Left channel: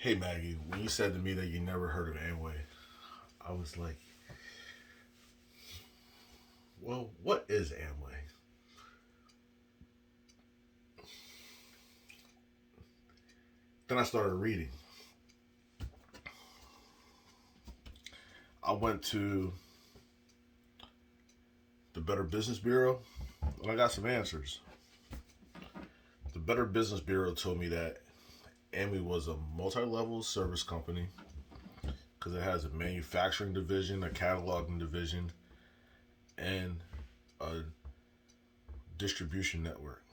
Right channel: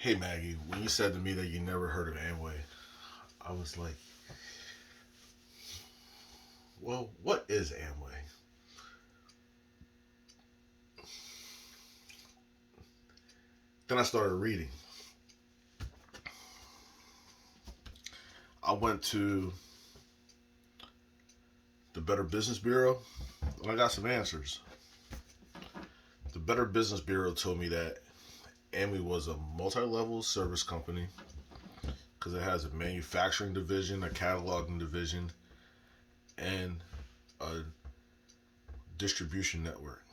Hey Maggie, when you said to me that you never heard of Amway, I was like, well, what is Amway? Then I started reading. I went to the Better Business Bureau and I got some answers. The Better Business Bureau told me that Amway was a multi level service company because it has a manufacturing division, a cataloging division, and a distribution network.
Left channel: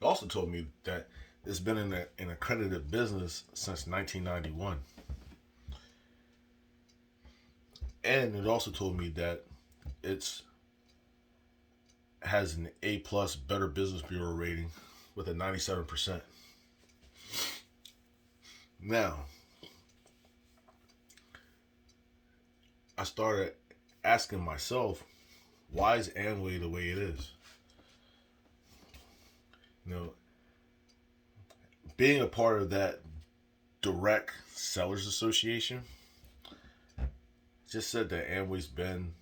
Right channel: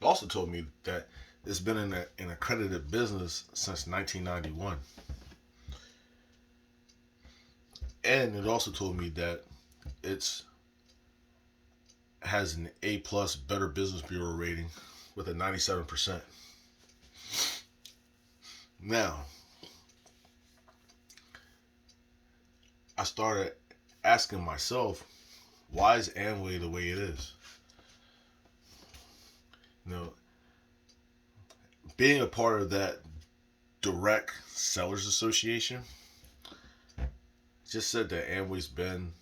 It also told me that it's been in an accredited business since 1991. And it also told me that it's has an A plus Better Business Bureau rating with a 97%. Now, I started asking myself, why is Amway the way it is? You know, being a part of that direct sellers association just said that Amway's been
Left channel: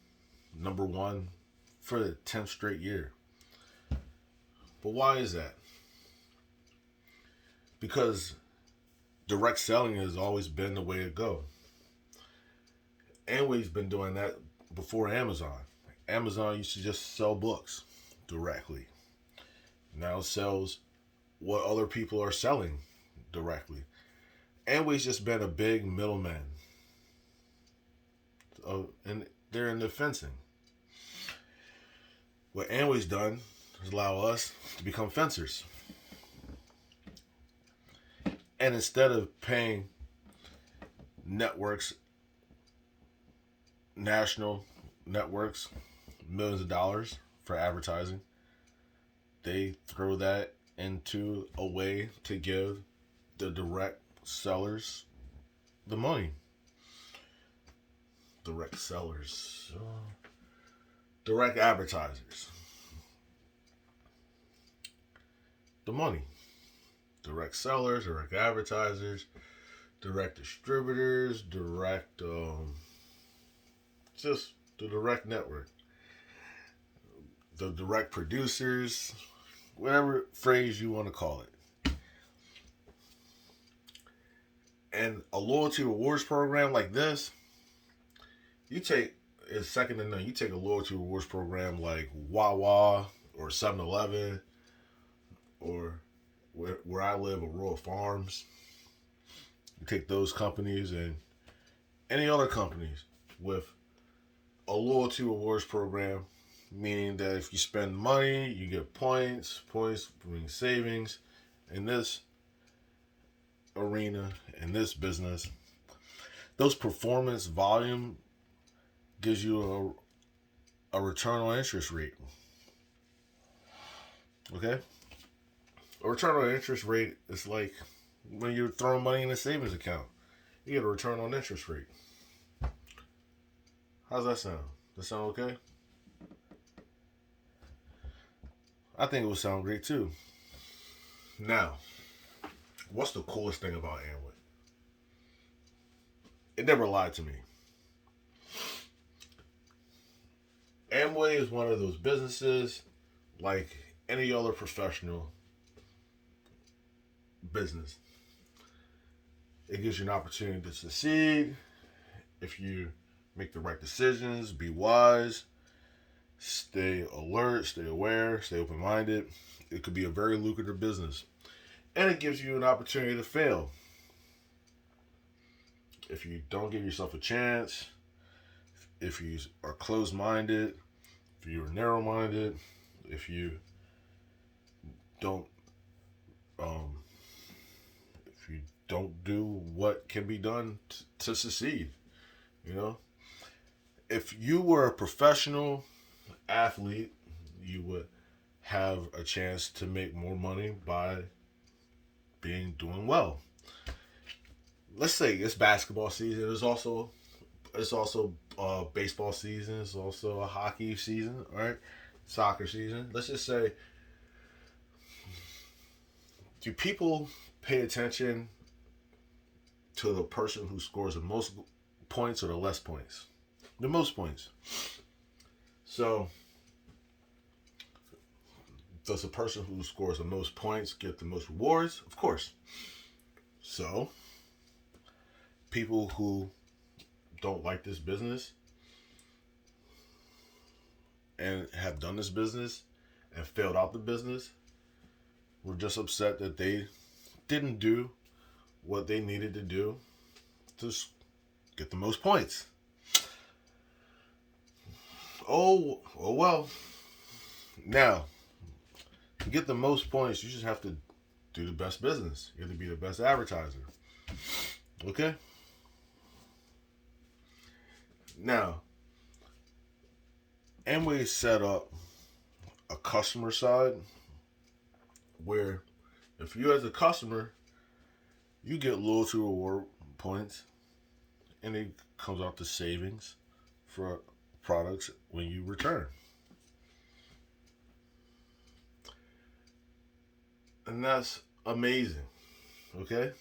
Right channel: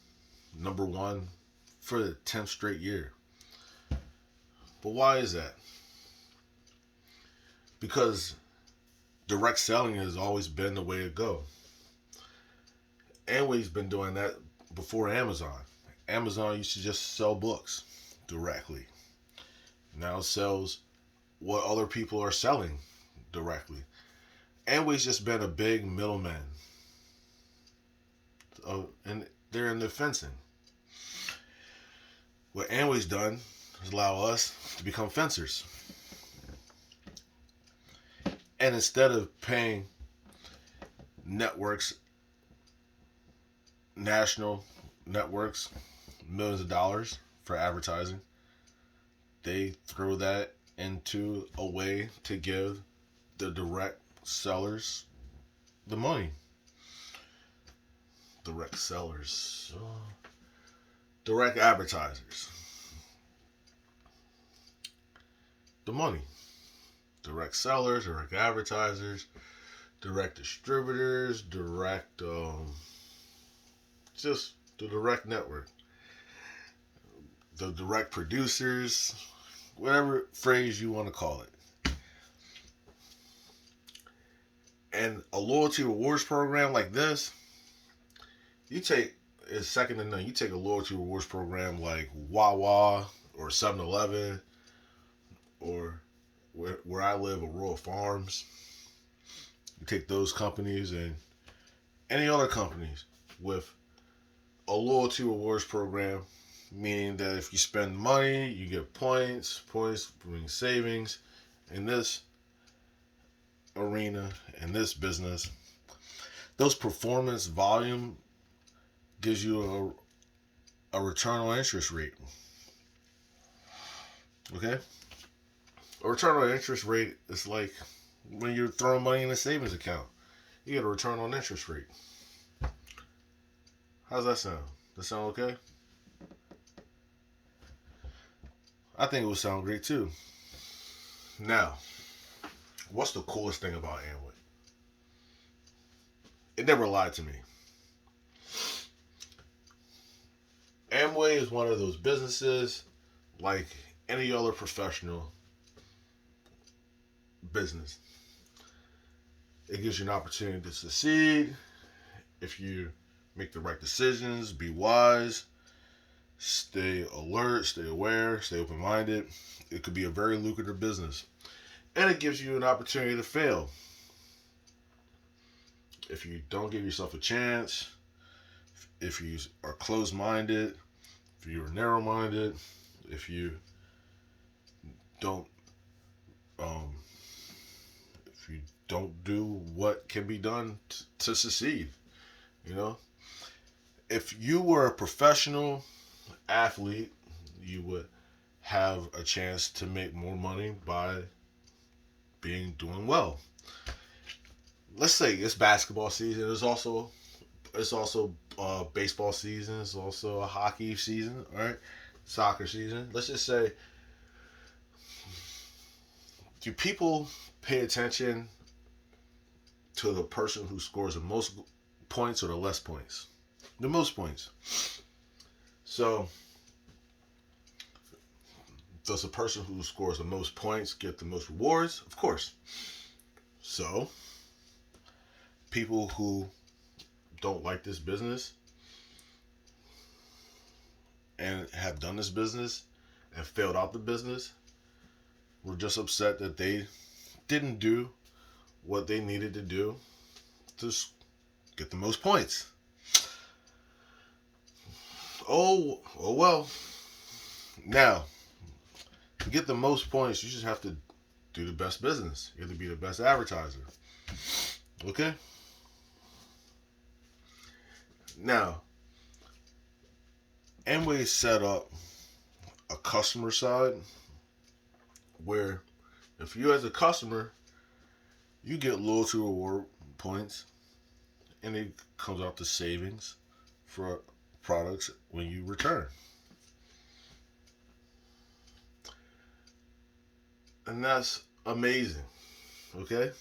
number one for the 10th straight year. But why is that? Because direct selling has always been the way to go. Amway's been doing that before Amazon. Amazon used to just sell books directly. Now it sells what other people are selling directly. Amway's just been a big middleman. And they're in the fencing. What Amway's done is allow us to become fencers. And instead of paying networks, national networks, millions of dollars for advertising, they throw that into a way to give the direct sellers the money. Direct sellers. Direct advertisers. The money. Direct sellers, direct advertisers, direct distributors, just the direct network. The direct producers, whatever phrase you want to call it. And a loyalty rewards program like this, you take is second to none. You take a loyalty rewards program like Wawa or 7-Eleven or where I live, Aurora Farms. You take those companies and any other companies with a loyalty rewards program, meaning that if you spend money, you get points. Points bring savings. In this arena, in this business, those performance volume gives you a return on interest rate. Okay? A return on interest rate is like when you're throwing money in a savings account. You get a return on interest rate. How's that sound? That sound okay? I think it would sound great too. Now, what's the coolest thing about Amway? It never lied to me. Amway is one of those businesses like any other professional business. It gives you an opportunity to succeed if you make the right decisions, be wise, stay alert, stay aware, stay open minded. It could be a very lucrative business. And it gives you an opportunity to fail. If you don't give yourself a chance, if you are closed minded, if you're narrow minded, if you don't um, if you don't do what can be done to succeed, you know, if you were a professional athlete, you would have a chance to make more money by doing well. Let's say it's basketball season. It's also baseball season. It's also a hockey season. All right, soccer season. Let's just say Do people pay attention to the person who scores the most points or the less points? The most points. So, does the person who scores the most points get the most rewards? Of course. So, people who don't like this business and have done this business and failed out the business were just upset that they didn't do what they needed to do to get the most points. Oh well. Now, to get the most points, you just have to do the best business. You have to be the best advertiser. Okay? Now, Amway set up a customer side where if you as a customer, you get loyalty reward points and it comes out to savings for products when you return. And that's amazing. Okay?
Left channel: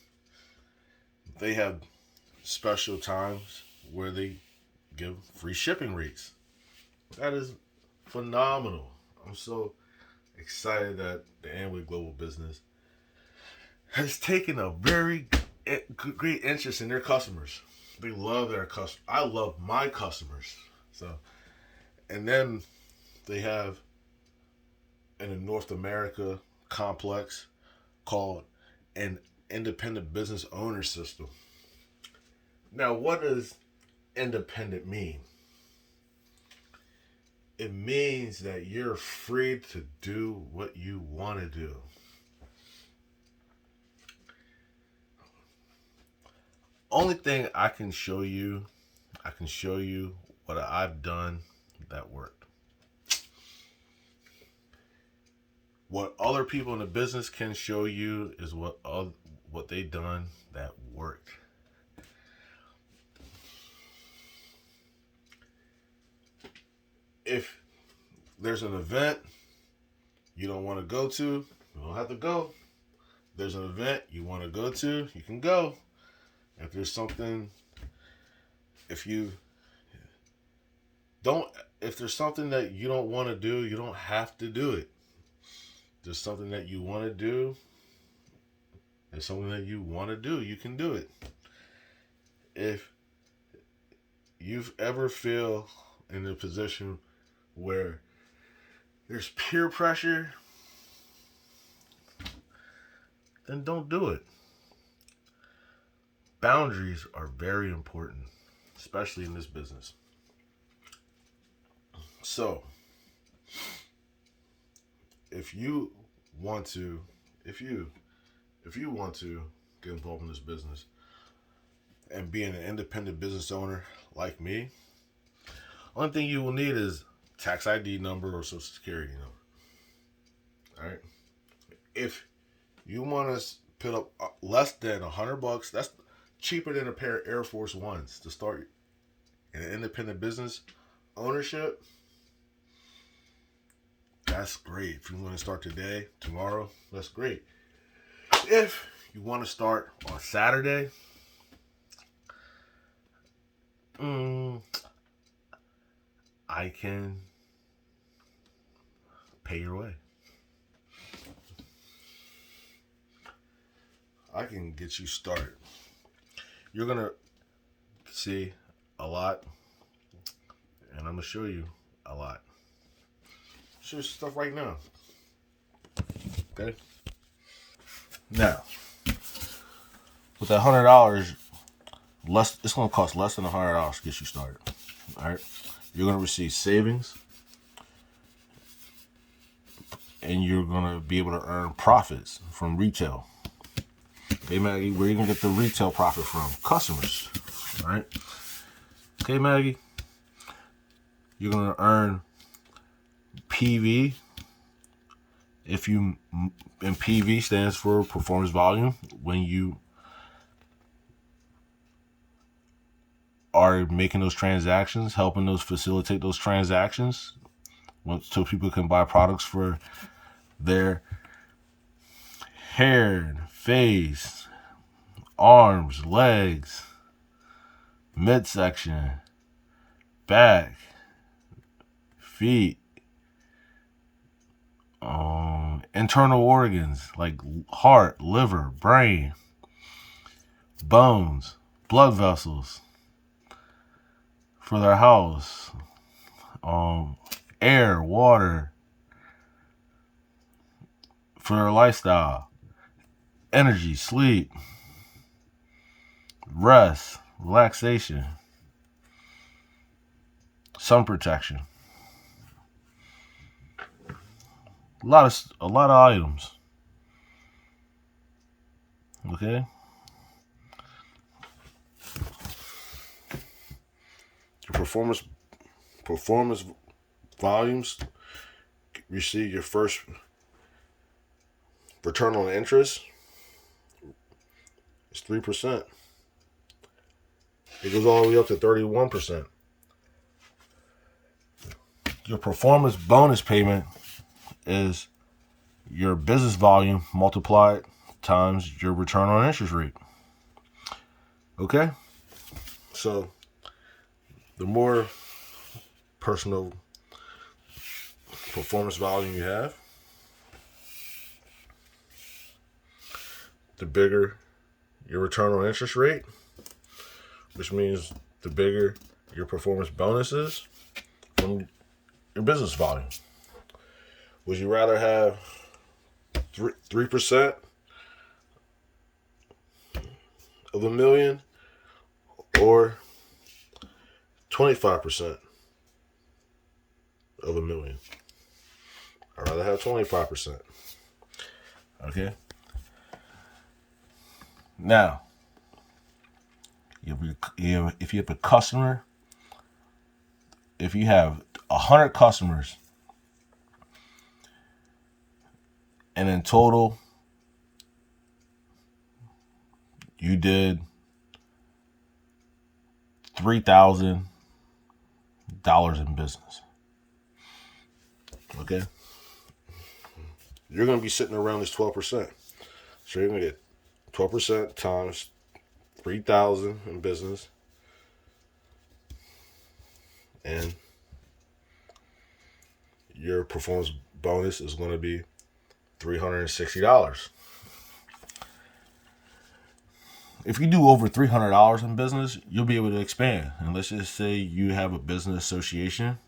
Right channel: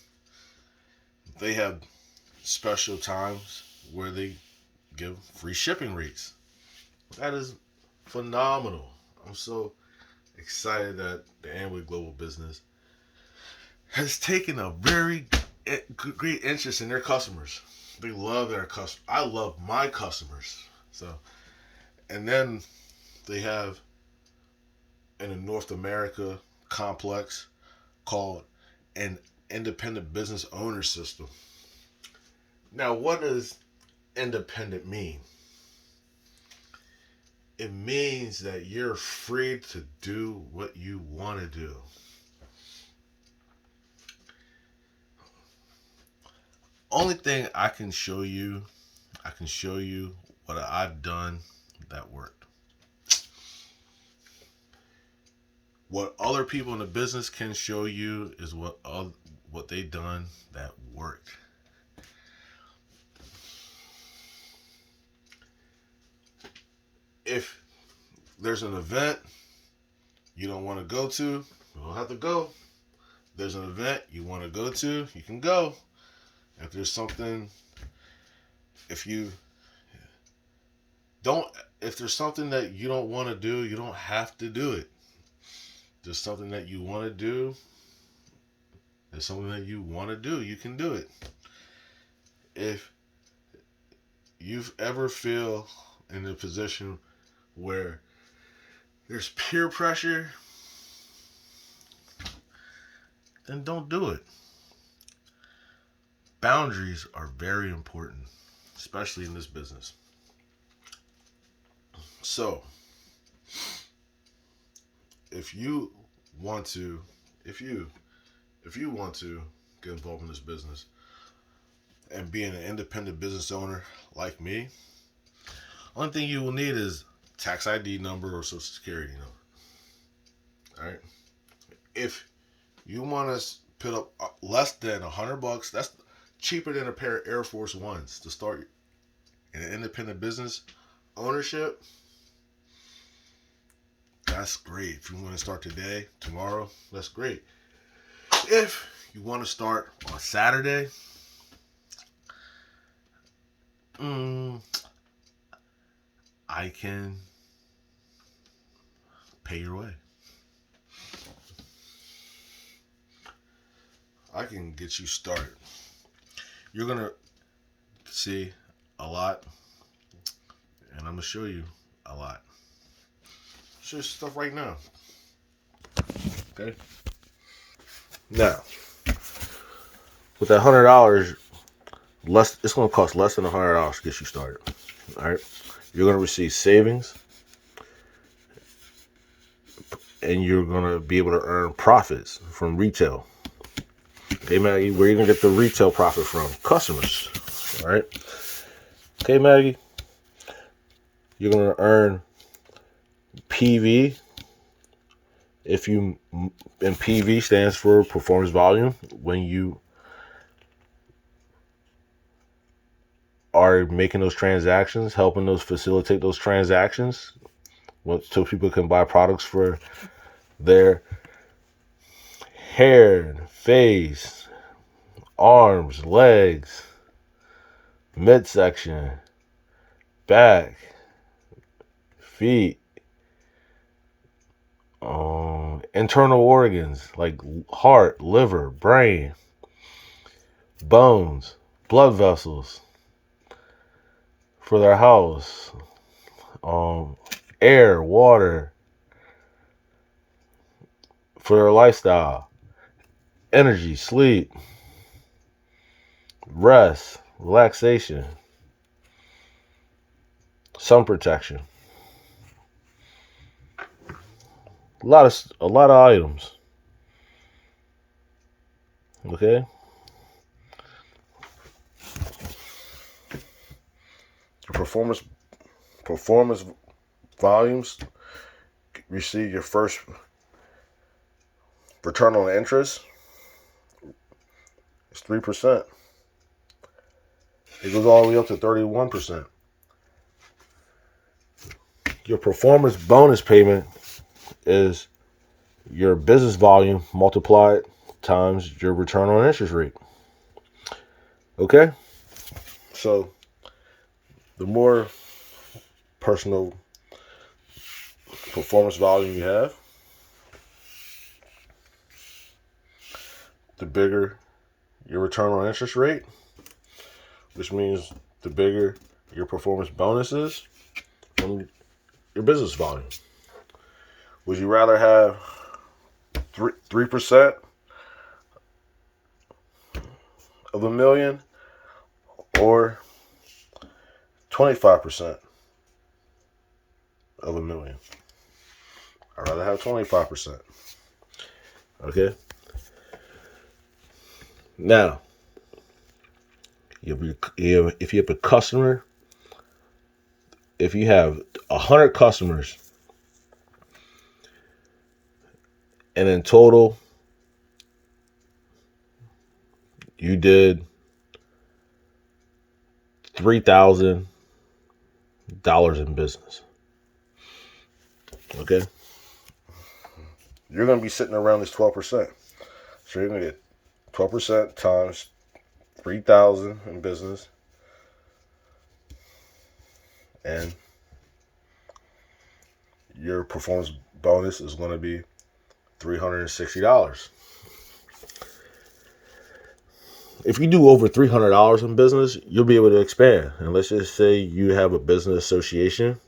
They have special times where they give free shipping rates. That is phenomenal. I'm so excited that the Amway Global Business has taken a very great interest in their customers. They love their customers. I love my customers. So, and then they have in the North America complex called an independent business owner system. Now, what does independent mean? It means that you're free to do what you want to do. Only thing I can show you what I've done that worked. What other people in the business can show you is what they done that worked. If there's an event you don't want to go to, you don't have to go. If there's an event you want to go to, you can go. If there's something, if there's something that you don't want to do, you don't have to do it. If there's something that you want to do, there's something that you want to do, you can do it. If you've ever feel in a position where there's peer pressure, then don't do it. Boundaries are very important, especially in this business. So, if you want to get involved in this business and being an independent business owner like me, only thing you will need is tax ID number or social security number. All right. If you want to put up less than $100, that's cheaper than a pair of Air Force Ones to start an independent business ownership. That's great. If you want to start today, tomorrow, that's great. If you want to start on Saturday, I can pay your way. I can get you started. You're going to see a lot, and I'm going to show you a lot. Show you stuff right now. Okay? Now, with that $100, it's going to cost less than $100 to get you started. All right? You're going to receive savings, and you're going to be able to earn profits from retail. Okay, Maggie, where are you going to get the retail profit from? Customers. All right? Okay, Maggie, you're going to earn PV. And PV stands for performance volume. When you are making those transactions, helping those facilitate those transactions, so people can buy products for their hair, face, arms, legs, midsection, back, feet, internal organs like heart, liver, brain, bones, blood vessels for their house, air, water for their lifestyle, energy, sleep, rest, relaxation, sun protection. A lot of items. Okay? Your performance volumes receive your first return on interest. It's 3%. It goes all the way up to 31%. Your performance bonus payment is your business volume multiplied times your return on interest rate. Okay? So, the more personal performance volume you have, the bigger your return on interest rate, which means the bigger your performance bonus is from your business volume. Would you rather have 3% of a million or 25% of a million? I'd rather have 25%. Okay? Now, if you have a customer, if you have 100 customers, and in total, you did $3,000 in business. Okay? You're going to be sitting around this 12%. So you're going to get 12% times 3,000 in business. And your performance bonus is going to be $360. If you do over $300 in business, you'll be able to expand. And let's just say you have a business association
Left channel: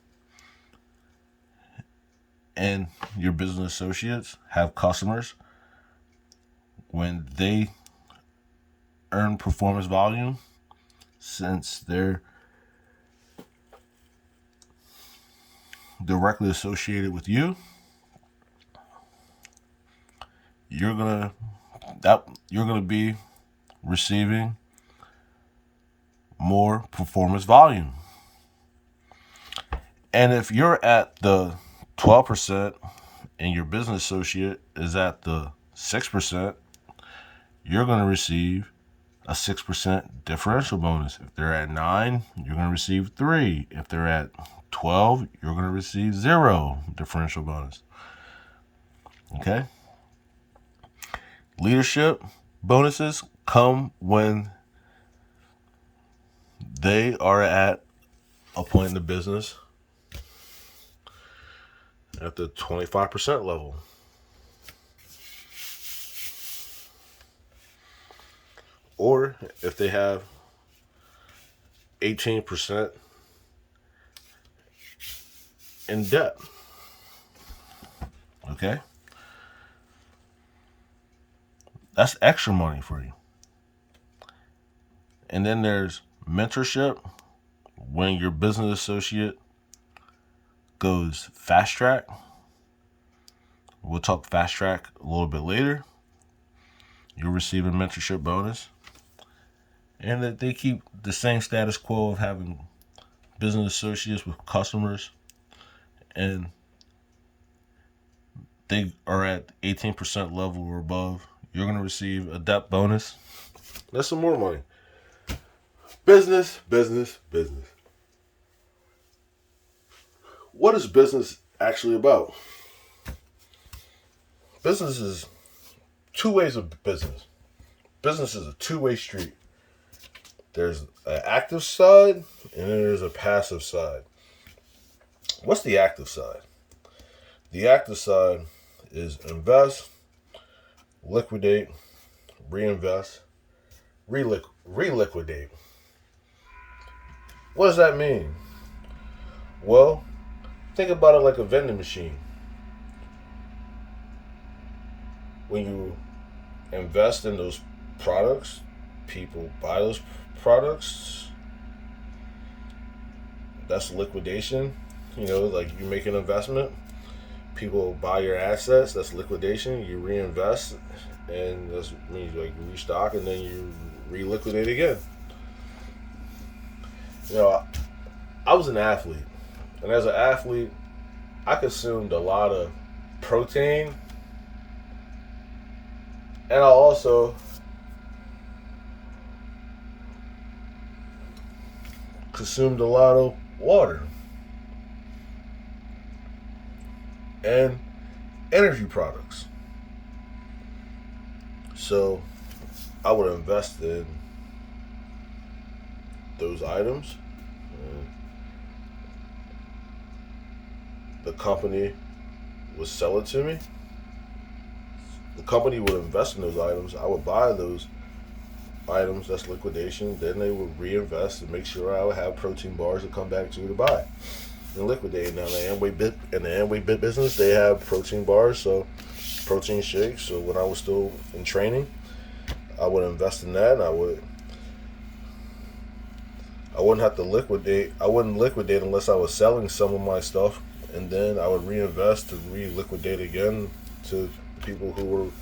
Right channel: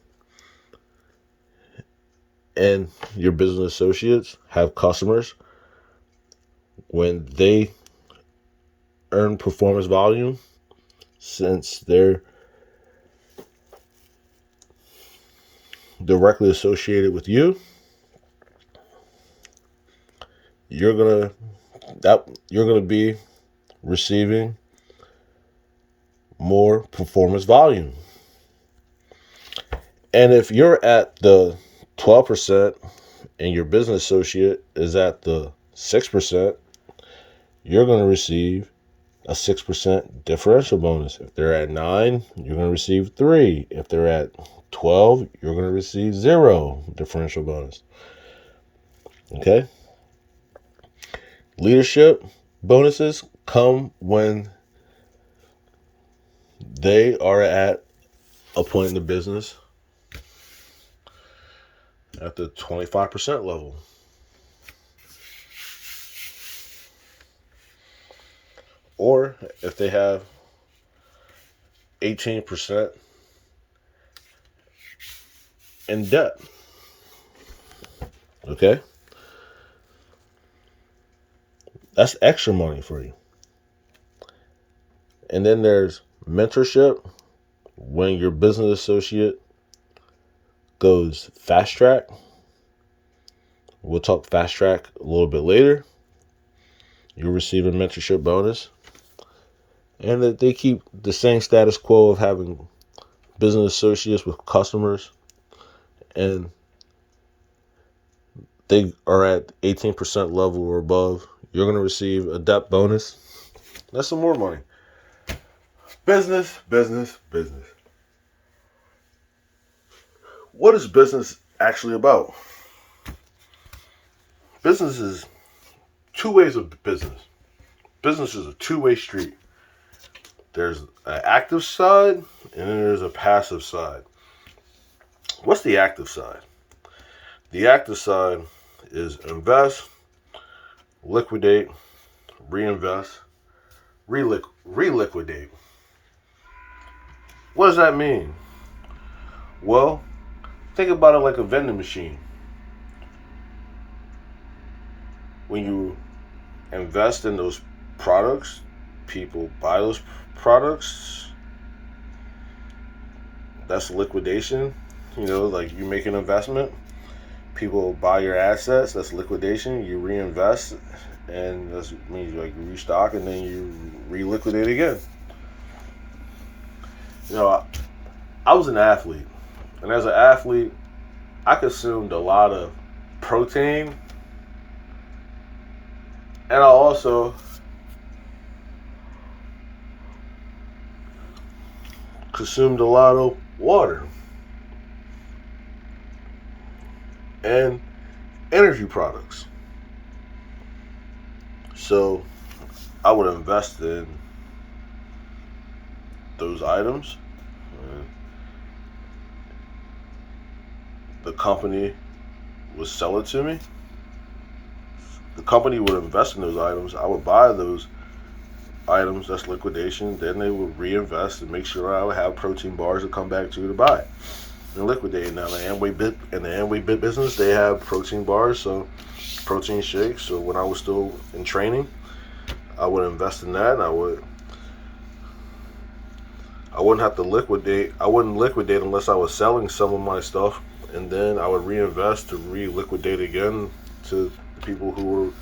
and your business associates have customers. When they earn performance volume, since they're directly associated with you, you're gonna be receiving more performance volume. And if you're at the 12% and your business associate is at the 6%, you're going to receive a 6% differential bonus. If they're at 9, you're going to receive 3. If they're at 12, you're going to receive 0 differential bonus. Okay? Leadership bonuses come when they are at a point in the business at the 25% level. Or if they have 18% in debt. Okay? That's extra money for you. And then there's mentorship when your business associate goes fast track. We'll talk fast track a little bit later. You'll receive a mentorship bonus. And that they keep the same status quo of having business associates with customers, and they are at 18% level or above, you're going to receive a debt bonus. That's some more money. Business. What is business actually about? Business is two ways of business. Business is a two-way street. There's an active side and then there's a passive side. What's the active side? The active side is invest, liquidate, reinvest, reliquidate. What does that mean? Well, think about it like a vending machine. When you invest in those products, people buy those products. That's liquidation. Like you make an investment, people buy your assets. That's liquidation. You reinvest, and that means like you restock, and then you reliquidate again. I was an athlete, and as an athlete, I consumed a lot of protein, and I also consumed a lot of water and energy products. So I would invest in those items. The company would sell it to me. The company would invest in those items. I would buy those items. That's liquidation. Then they would reinvest and make sure I would have protein bars to come back to buy and liquidate. Now the Amway bit business, they have protein bars, so protein shakes. So when I was still in training, I would invest in that, and I wouldn't have to liquidate. I wouldn't liquidate unless I was selling some of my stuff, and then I would reinvest to reliquidate again to the people who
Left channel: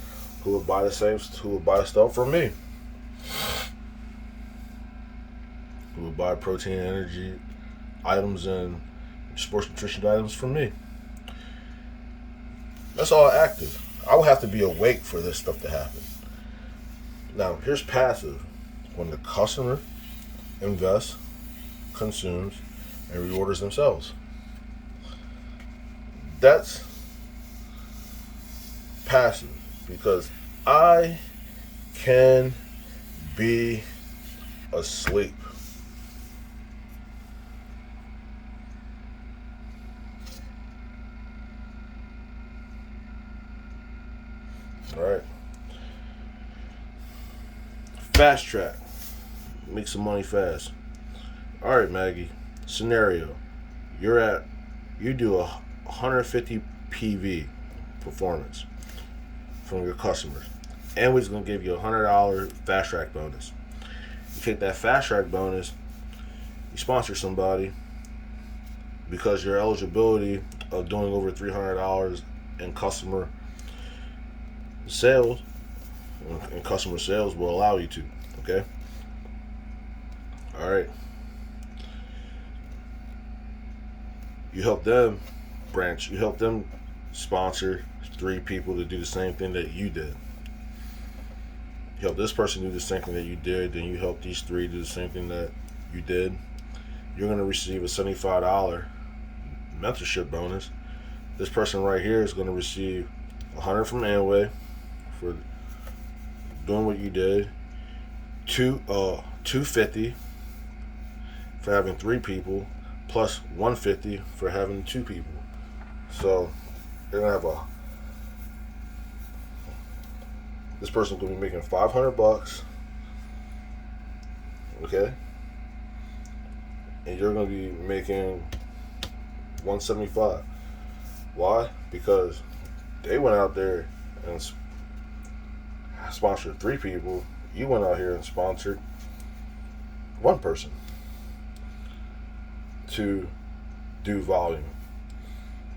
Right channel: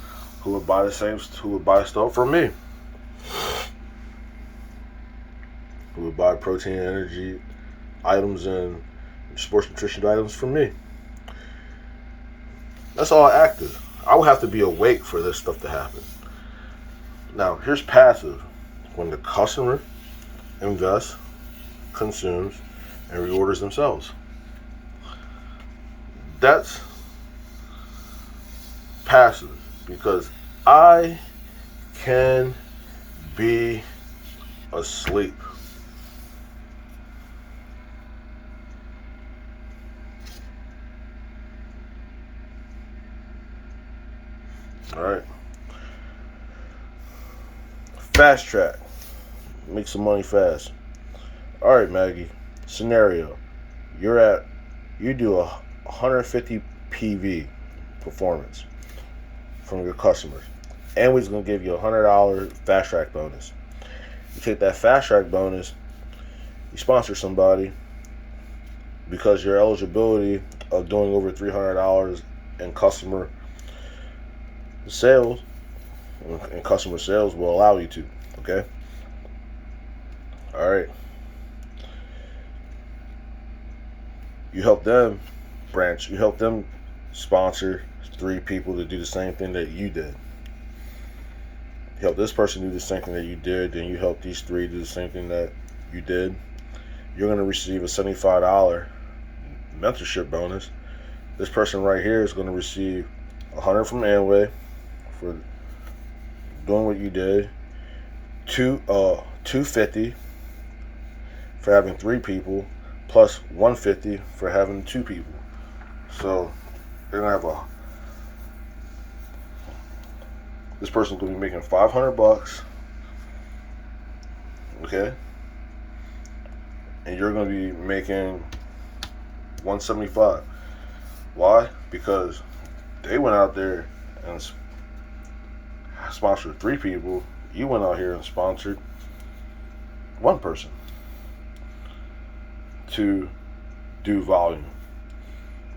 would buy stuff from me, who would buy protein, energy items, and sports nutrition items from me. That's all active. I would have to be awake for this stuff to happen. Now, here's passive. When the customer invests, consumes, and reorders themselves. That's passive, because I can be asleep. All right. Fast track. Make some money fast. All right, Maggie. Scenario. You do 150 PV performance from your customers. Amway's going to give you a $100 fast track bonus. You take that fast track bonus, you sponsor somebody, because your eligibility of doing over $300 in customer sales will allow you to. Okay? All right. You help them sponsor 3 people to do the same thing that you did. You help this person do the same thing that you did, then you help these 3 do the same thing that you did. You're going to receive a $75 mentorship bonus. This person right here is going to receive $100 from Amway for doing what you did. $250 for having 3 people, plus $150 for having 2 people. So they're gonna have this person's gonna be making $500, okay? And you're gonna be making $175. Why? Because they went out there and sponsored 3 people. You went out here and sponsored 1 person to do volume.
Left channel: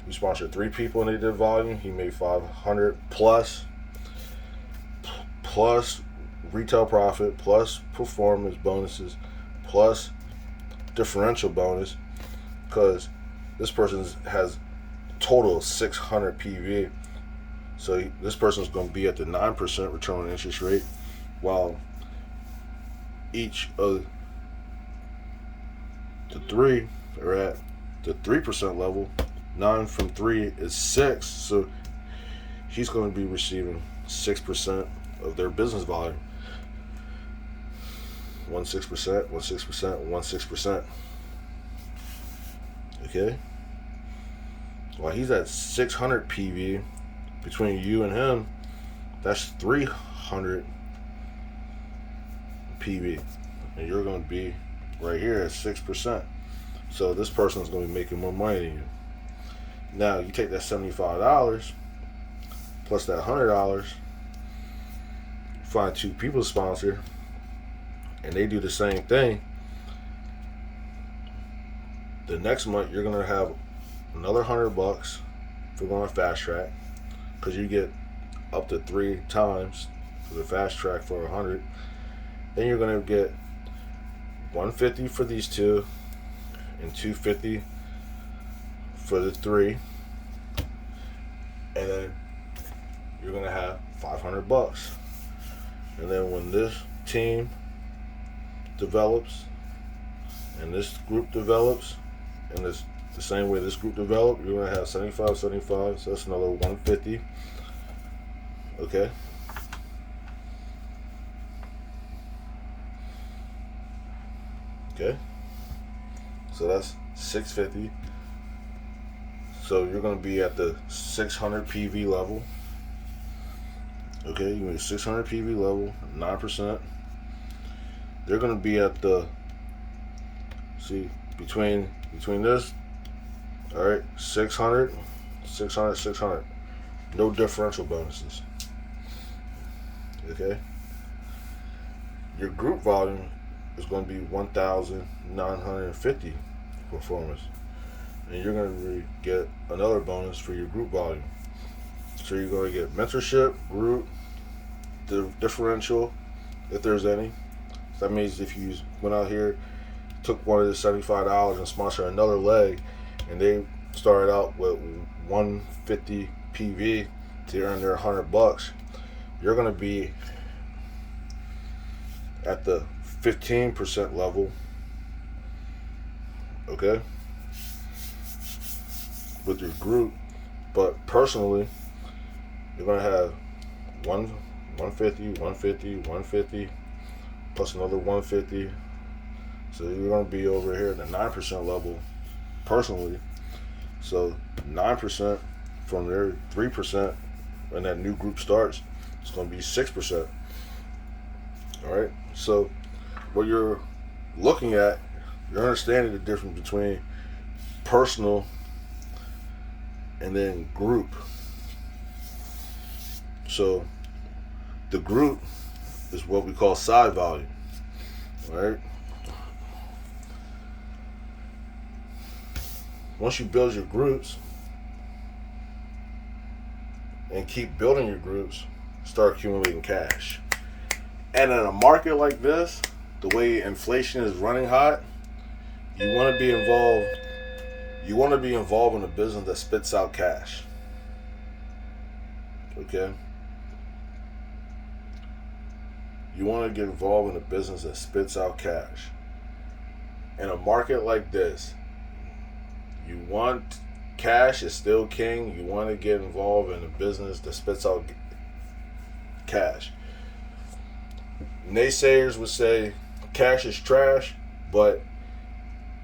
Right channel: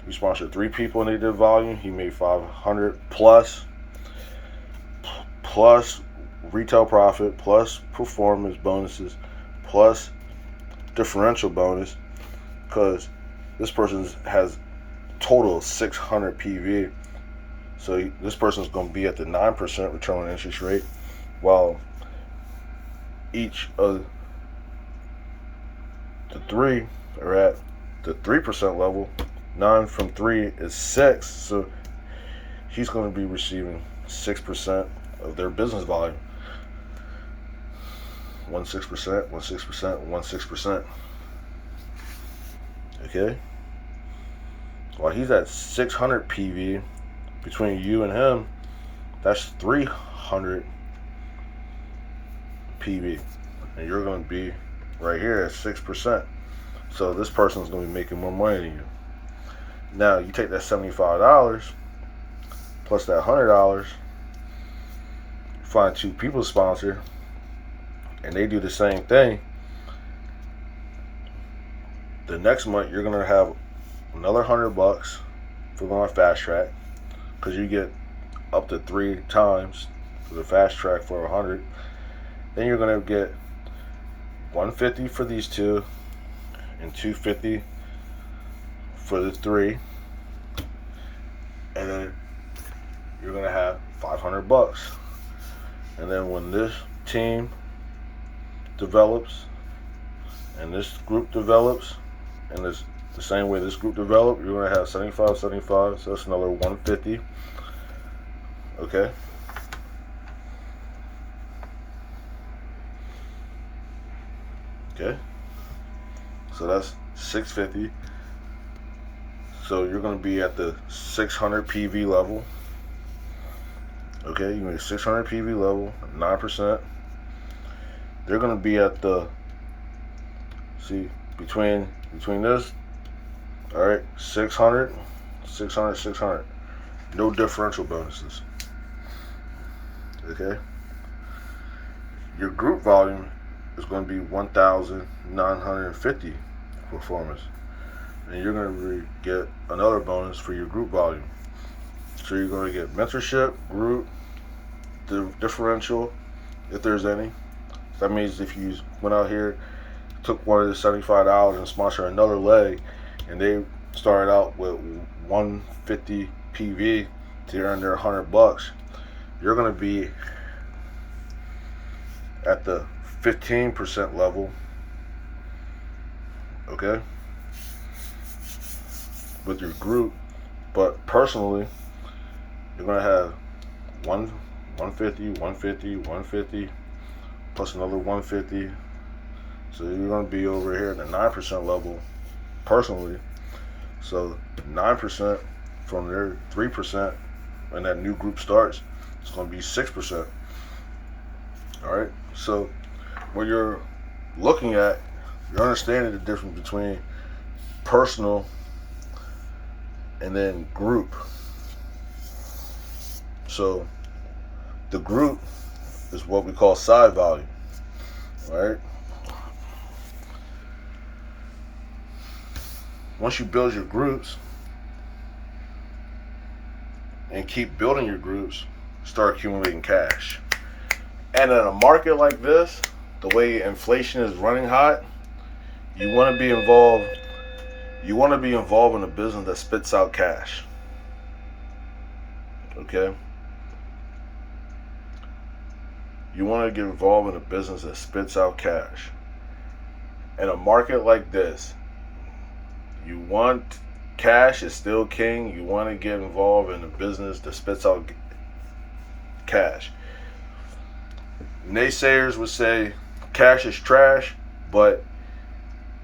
You sponsored 3 people and they did volume. He made $500 plus retail profit, plus performance bonuses, plus differential bonus, because this person has total of 600 PV. So this person's going to be at the 9% return on interest rate, while each of the 3 are at the 3% level. 9 from 3 is 6, so he's going to be receiving 6% of their business volume. 1.6%, 1.6%, 1.6%. Okay? While he's at 600 PV, between you and him, that's 300 PV. And you're going to be right here at 6%. So this person's going to be making more money than you. Now, you take that $75 plus that $100, you find two people to sponsor, and they do the same thing. The next month, you're going to have another $100 for going fast track, because you get up to 3 times for the fast track for 100. Then you're going to get 150 for these two and 250 for the 3, and then you're going to have $500. And then when this team develops and this group develops, and it's the same way this group developed, you're going to have 75, 75, so that's another 150. Okay? Okay? So that's 650. So you're going to be at the 600 PV level. Okay, you make 600 PV level, 9%. They're going to be at the, see, between this, all right, 600, 600, 600. No differential bonuses. Okay? Your group volume is going to be 1,950 performance. And you're going to get another bonus for your group volume. So you're going to get mentorship, group, the differential, if there's any. That means if you went out here, took one of the $75 and sponsored another leg, and they started out with 150 PV to earn their $100, you're going to be at the 15% level, okay, with your group. But personally, you're going to have 150, 150, 150, plus another 150. So you're going to be over here at the 9% level personally. So 9% from their 3% when that new group starts, it's going to be 6%. All right. So what you're looking at, you're understanding the difference between personal and then group. So the group is what we call side volume, right? Once you build your groups and keep building your groups, start accumulating cash. And in a market like this, the way inflation is running hot, you want to be involved. You want to be involved in a business that spits out cash. Okay? You want to get involved in a business that spits out cash. In a market like this, you want cash is still king. You want to get involved in a business that spits out cash. Naysayers would say cash is trash, but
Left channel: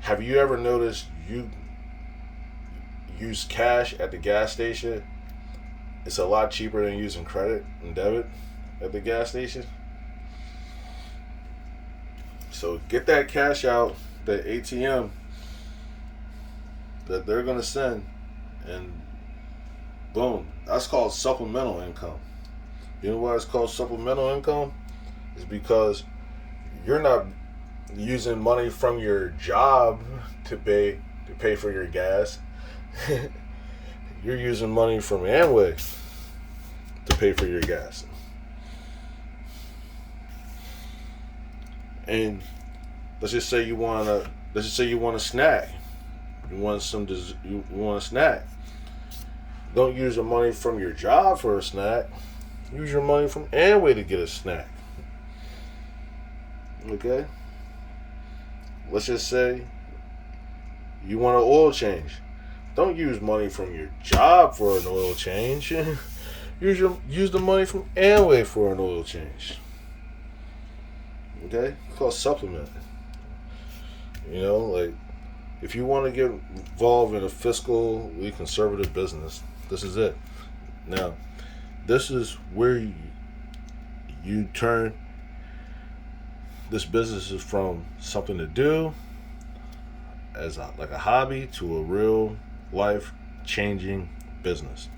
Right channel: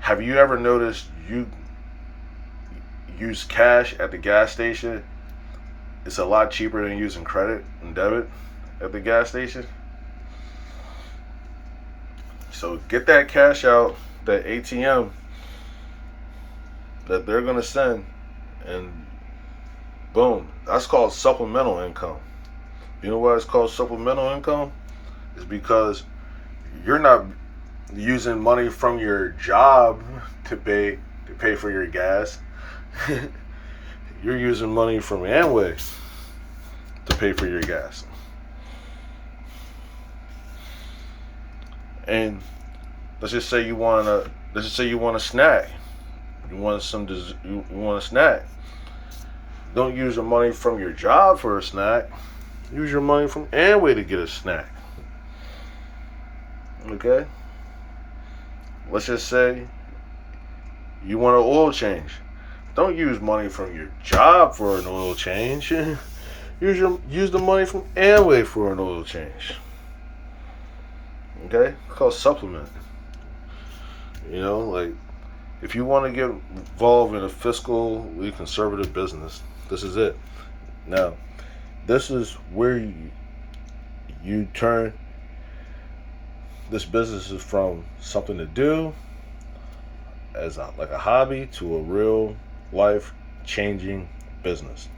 have you ever noticed you use cash at the gas station? It's a lot cheaper than using credit and debit at the gas station. So get that cash out, that ATM that they're going to send, and boom, that's called supplemental income. You know why it's called supplemental income? It's because you're not using money from your job to pay for your gas. You're using money from Amway to pay for your gas. And let's just say you want a snack. You want a snack. Don't use your money from your job for a snack. Use your money from Amway to get a snack. Okay? Let's just say you want an oil change. Don't use money from your job for an oil change. use the money from Amway for an oil change. Okay, it's called supplement. You know, like if you want to get involved in a fiscally conservative business, this is it. Now, this is where you turn this business from something to do as like a hobby to a real life changing business.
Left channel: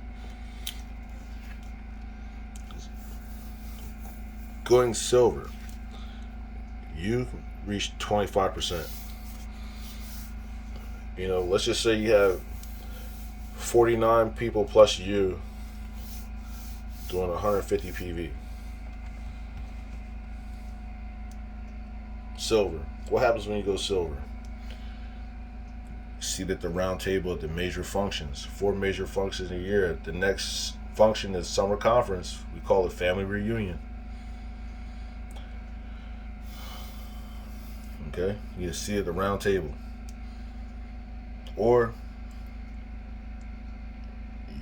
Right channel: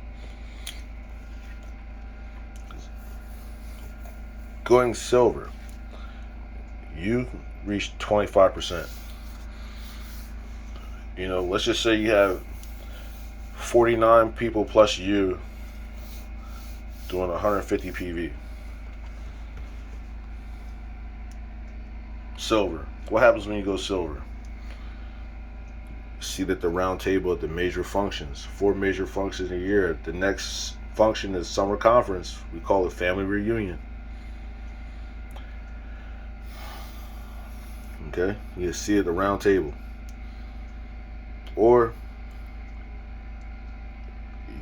Going silver, you reach 25%. You know, let's just say you have 49 people plus you doing 150 PV. Silver. What happens when you go silver? Seat at the round table at the major functions. 4 major functions a year. The next function is summer conference. We call it family reunion. Okay? You see at the round table. Or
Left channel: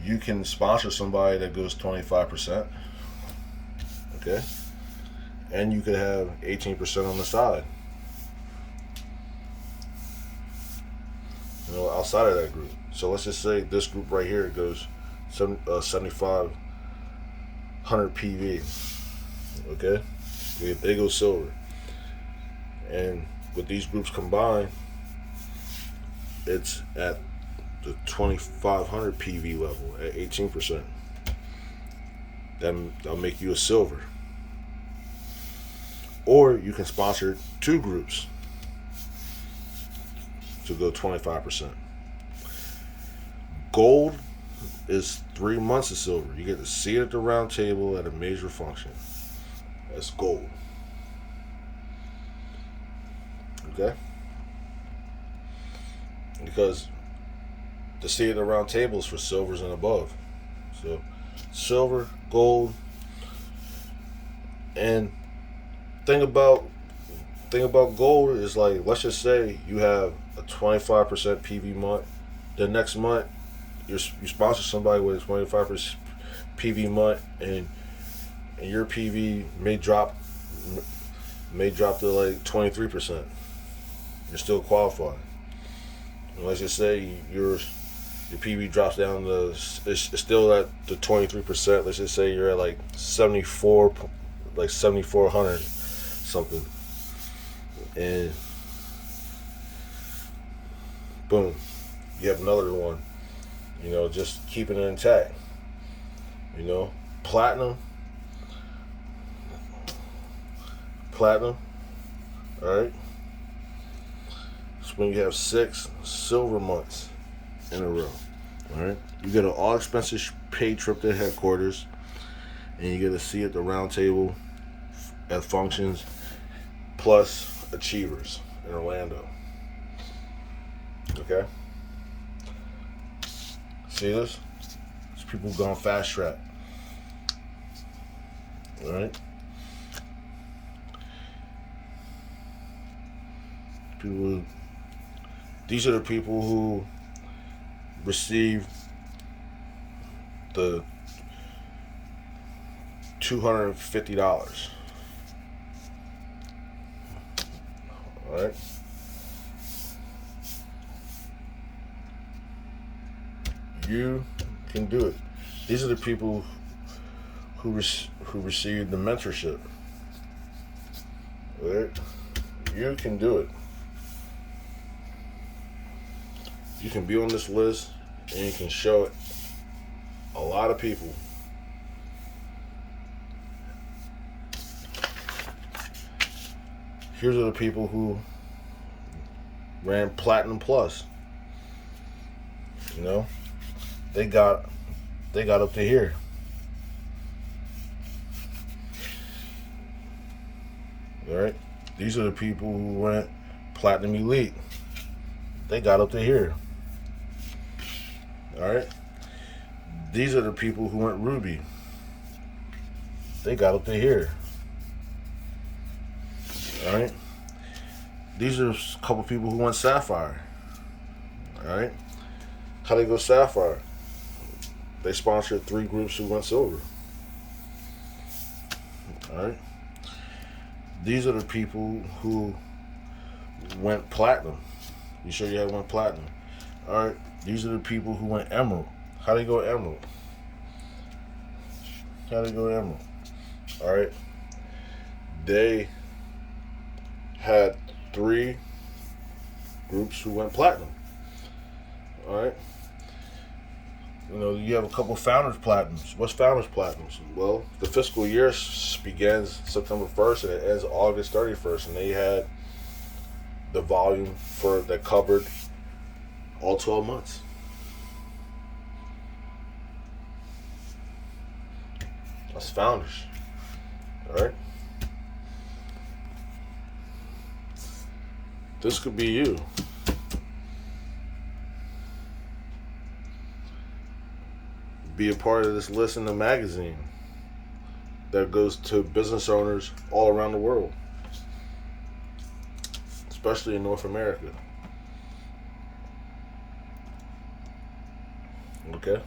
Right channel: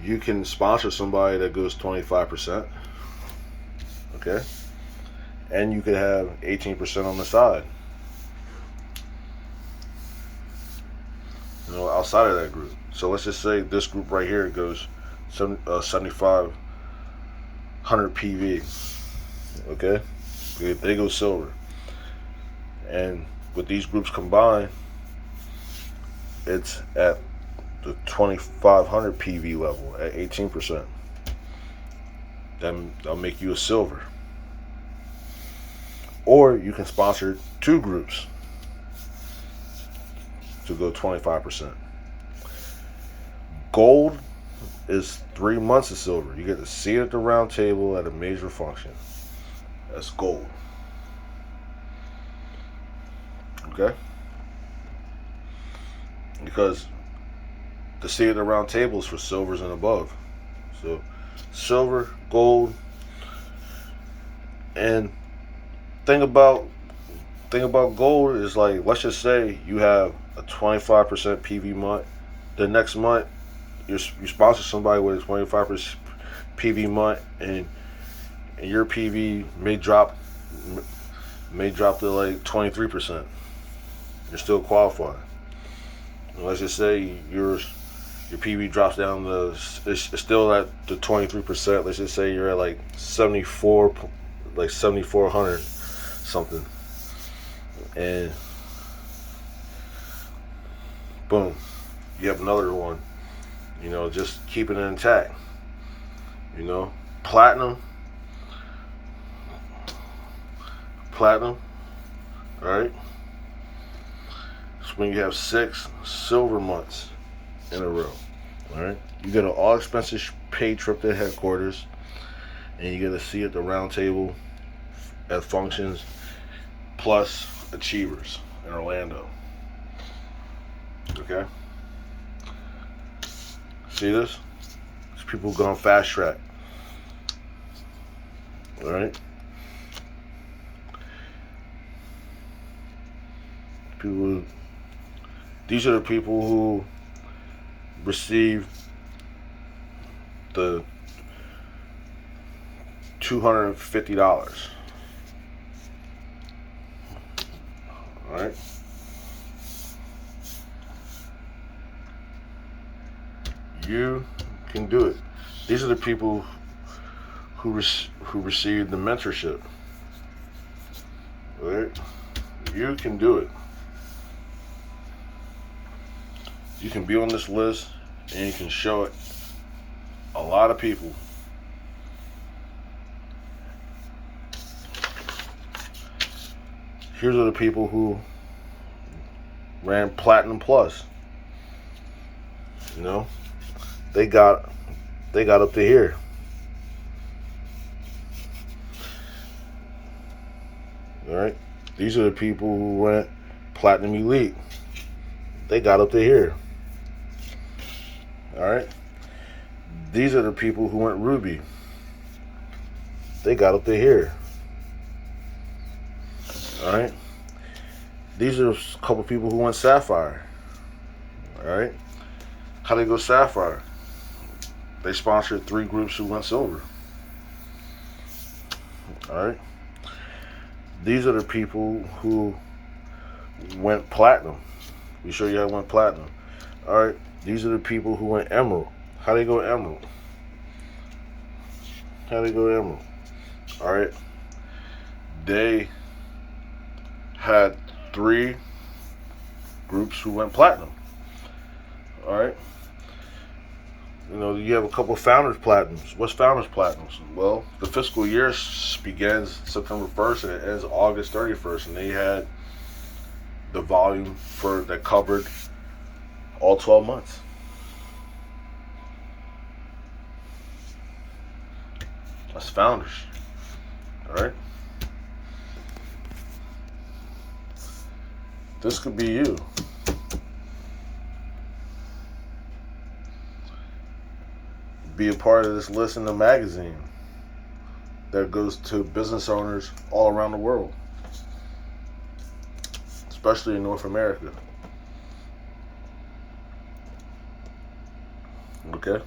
you can sponsor somebody that goes 25%. Okay? And you could have 18% on the side. You know, outside of that group. So let's just say this group right here goes 7,500 PV. Okay? They go silver. And with these groups combined, it's at the 2,500 PV level at 18%. That'll make you a silver. Or you can sponsor 2 groups to go 25%. Gold is 3 months of silver. You get to sit at the round table at a major function. That's gold. Okay? Because the seat at the round table is for silvers and above. So silver, gold, and thing about gold is, like, let's just say you have a 25% PV month. The next month you sponsor somebody with a 25% PV month, and your PV may drop to like 23%. You're still qualified. And let's just say your PV drops down to, it's still at the 23%. Let's just say you're at like 7,400 something, and boom, you have another one. You know, just keeping it intact. You know, platinum. All right. It's when you have 6 silver months in a row. All right. You get an all expenses paid trip to headquarters, and you get a seat at the round table at functions, plus achievers in Orlando. Okay? See this? It's people going fast track. Alright? These are the people who receive the $250. Alright? You can do it. These are the people who receive the mentorship. Alright? You can do it. You can be on this list, and you can show it a lot of people. Here's the people who ran Platinum Plus. You know, they got up to here. All right, these are the people who went Platinum Elite. They got up to here. All right, these are the people who went Ruby. They got up to here. All right, these are a couple people who went Sapphire. All right, how they go Sapphire? they sponsored 3 groups who went silver. All right. These are the people who went platinum. We show you how it went platinum. All right. These are the people who went emerald. How they go emerald? How they go emerald? All right. They had 3 groups who went platinum. All right. You know, you have a couple founders platinums. What's founders platinums? Well, the fiscal year begins September 1st and it ends August 31st, and they had the volume for that covered all 12 months. That's founders. All right. This could be you. Be a part of this list in the magazine that goes to business owners all around the world, especially in North America. Okay?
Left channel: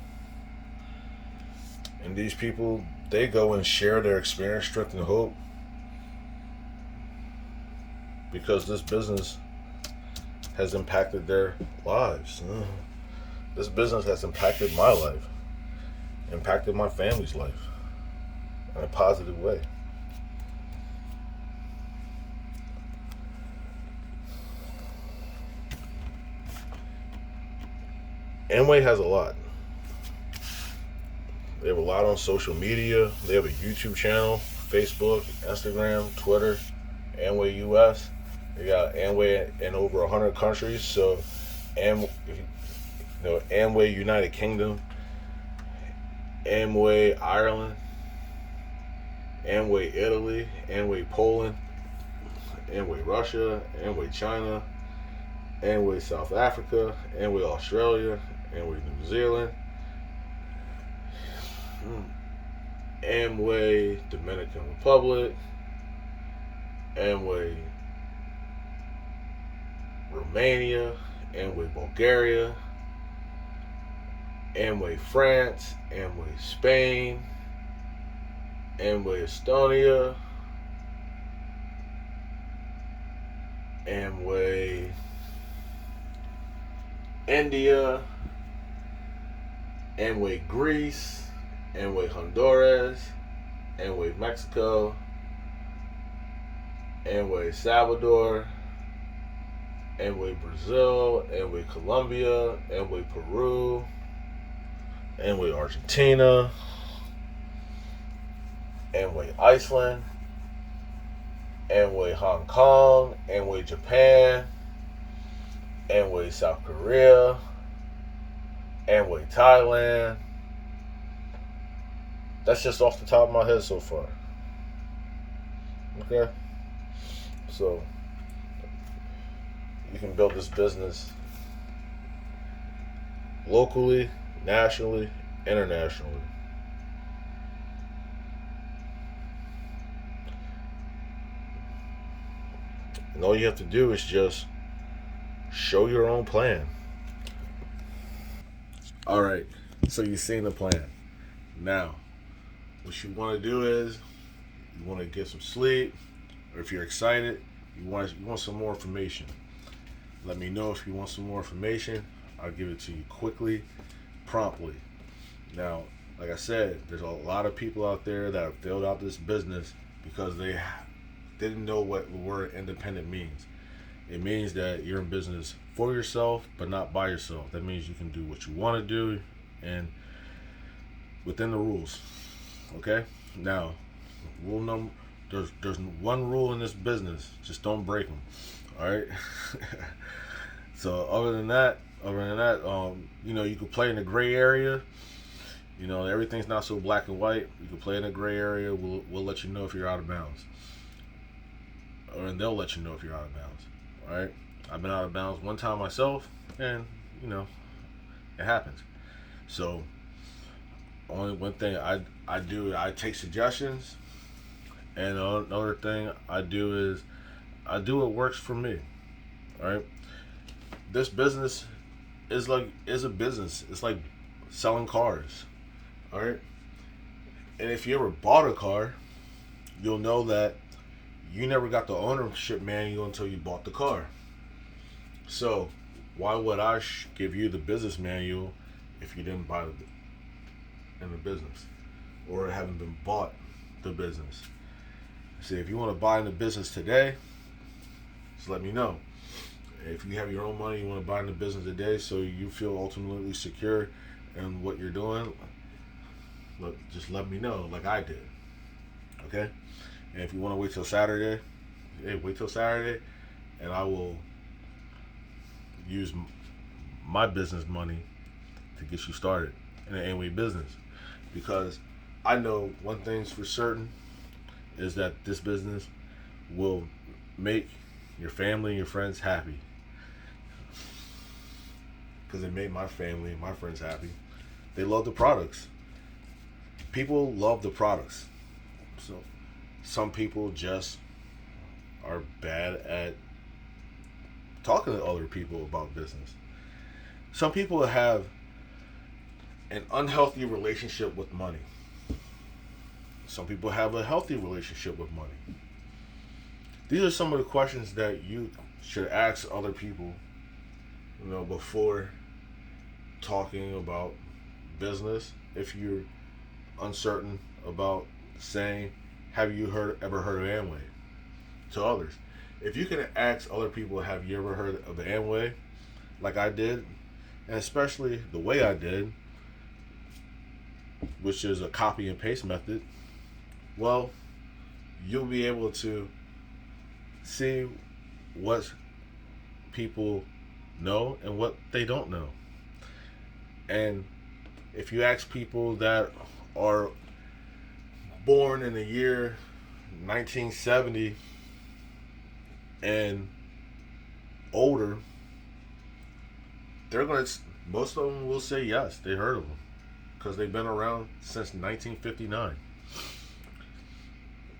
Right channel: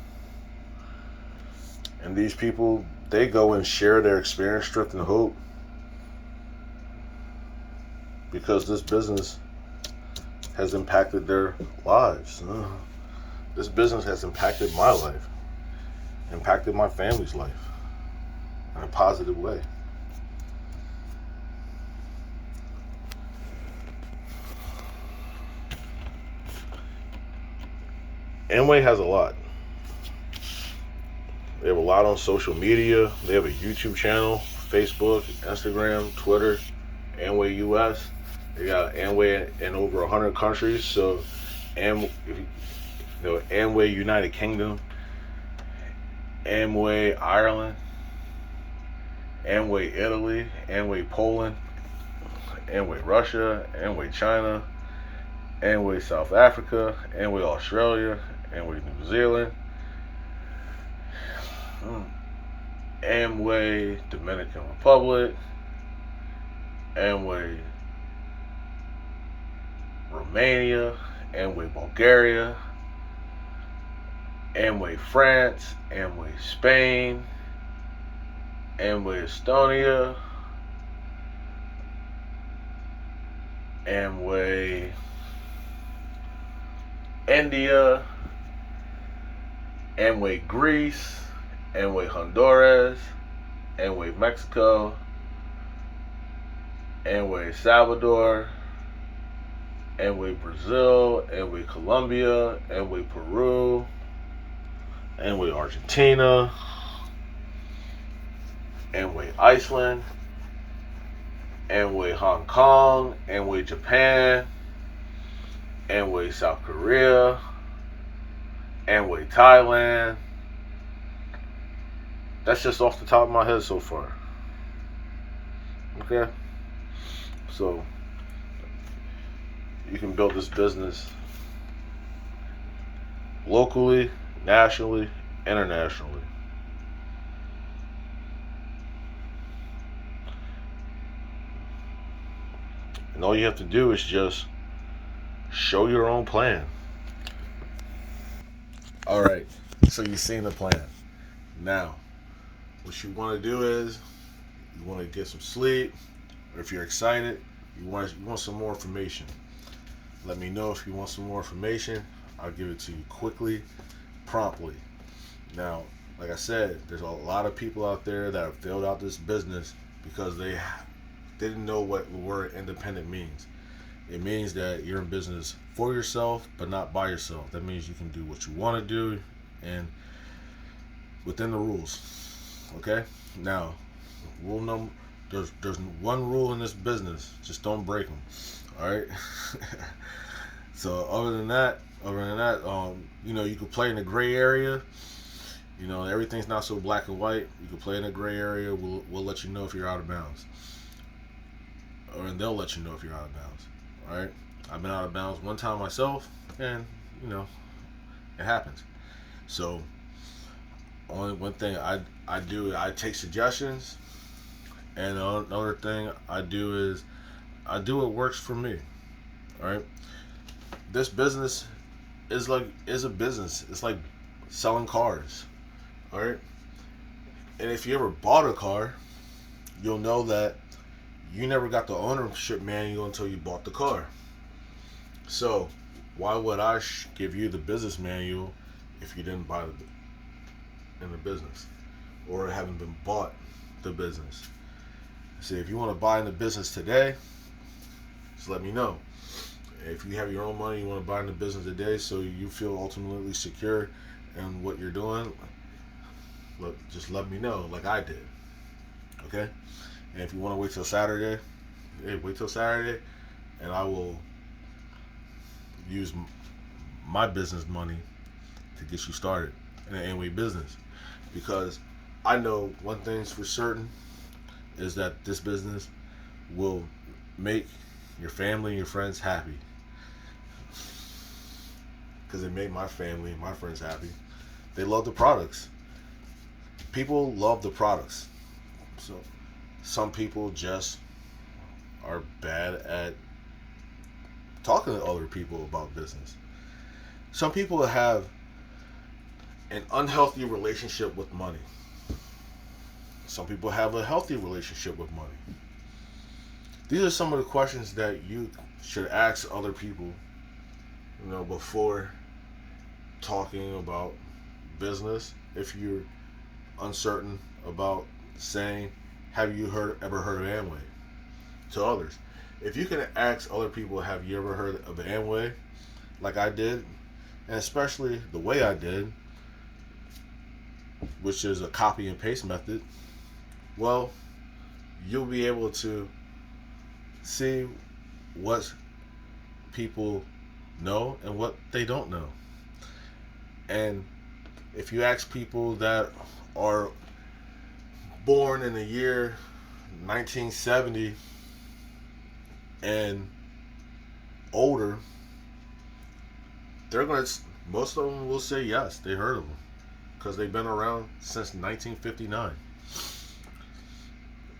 And these people, they go and share their experience, strength, and hope because this business has impacted their lives. This business has impacted my life, impacted my family's life in a positive way. Amway has a lot. They have a lot on social media. They have a YouTube channel, Facebook, Instagram, Twitter, Amway US. They got Amway in over 100 countries. So, Amway United Kingdom, Amway Ireland, Amway Italy, Amway Poland, Amway Russia, Amway China, Amway South Africa, Amway Australia, Amway New Zealand, Amway Dominican Republic, Amway Romania, Amway Bulgaria, Amway France, Amway Spain, Amway Estonia, Amway India, Amway Greece, Amway Honduras, Amway Mexico, Amway Salvador, Amway Brazil, Amway Colombia, Amway Peru, Amway Argentina, Amway Iceland, Amway Hong Kong, Amway Japan, Amway South Korea, Amway Thailand. That's just off the top of my head so far. Okay? So, you can build this business locally, nationally, internationally. And all you have to do is just show your own plan. All right, so you've seen the plan. Now, what you want to do is you want to get some sleep, or if you're excited, you want some more information. Let me know if you want some more information. I'll give it to you quickly, promptly. Now, like I said, there's a lot of people out there that have filled out this business because they didn't know what the word independent means. It means that you're in business for yourself, but not by yourself. That means you can do what you want to do and within the rules. Okay? Now, there's one rule in this business. Just don't break them. All right? So other than that, you could play in the gray area. Everything's not so black and white. You can play in the gray area. We'll let you know if you're out of bounds. And they'll let you know if you're out of bounds. All right? I've been out of bounds one time myself, and, it happens. So, only one thing I do, I take suggestions, and another thing I do is I do what works for me. All right? This business is a business. It's like selling cars. All right. And if you ever bought a car, you'll know that you never got the ownership manual until you bought the car. So why would I give you the business manual if you didn't buy it in the business or haven't been bought the business? See, if you want to buy in the business today, just let me know. If you have your own money, you want to buy in the business today so you feel ultimately secure in what you're doing, look, just let me know like I did. Okay? And if you want to wait till Saturday, hey, wait till Saturday and I will use my business money to get you started in an Amway business. Because I know one thing's for certain is that this business will make your family and your friends happy. Because it made my family and my friends happy. They love the products. People love the products. So some people just are bad at talking to other people about business. Some people have an unhealthy relationship with money. Some people have a healthy relationship with money. These are some of the questions that you should ask other people, before talking about business. If you're uncertain about saying, have you ever heard of Amway to others? If you can ask other people, have you ever heard of the Amway, like I did, and especially the way I did, which is a copy and paste method, well, you'll be able to see what people know and what they don't know. And if you ask people that are born in the year 1970 and older, most of them will say yes, they heard of them because they've been around since 1959.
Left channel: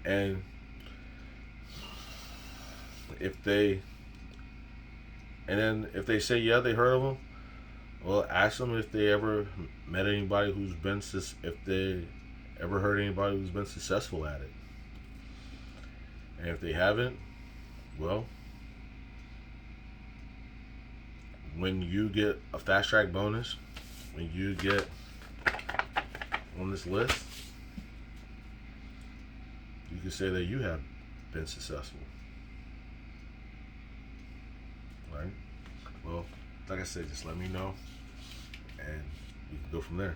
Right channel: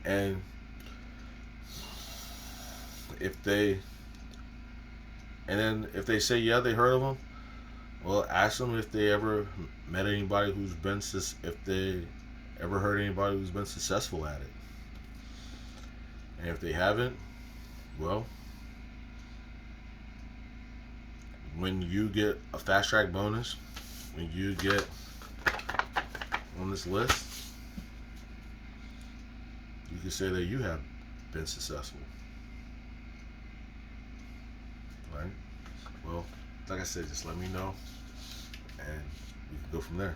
And if they say yeah, they heard of them, well, ask them if they ever met anybody if they ever heard anybody who's been successful at it. And if they haven't, well, when you get a fast track bonus, when you get on this list, you can say that you have been successful. Right? Well, like I said, just let me know and we can go from there.